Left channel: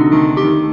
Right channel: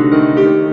Música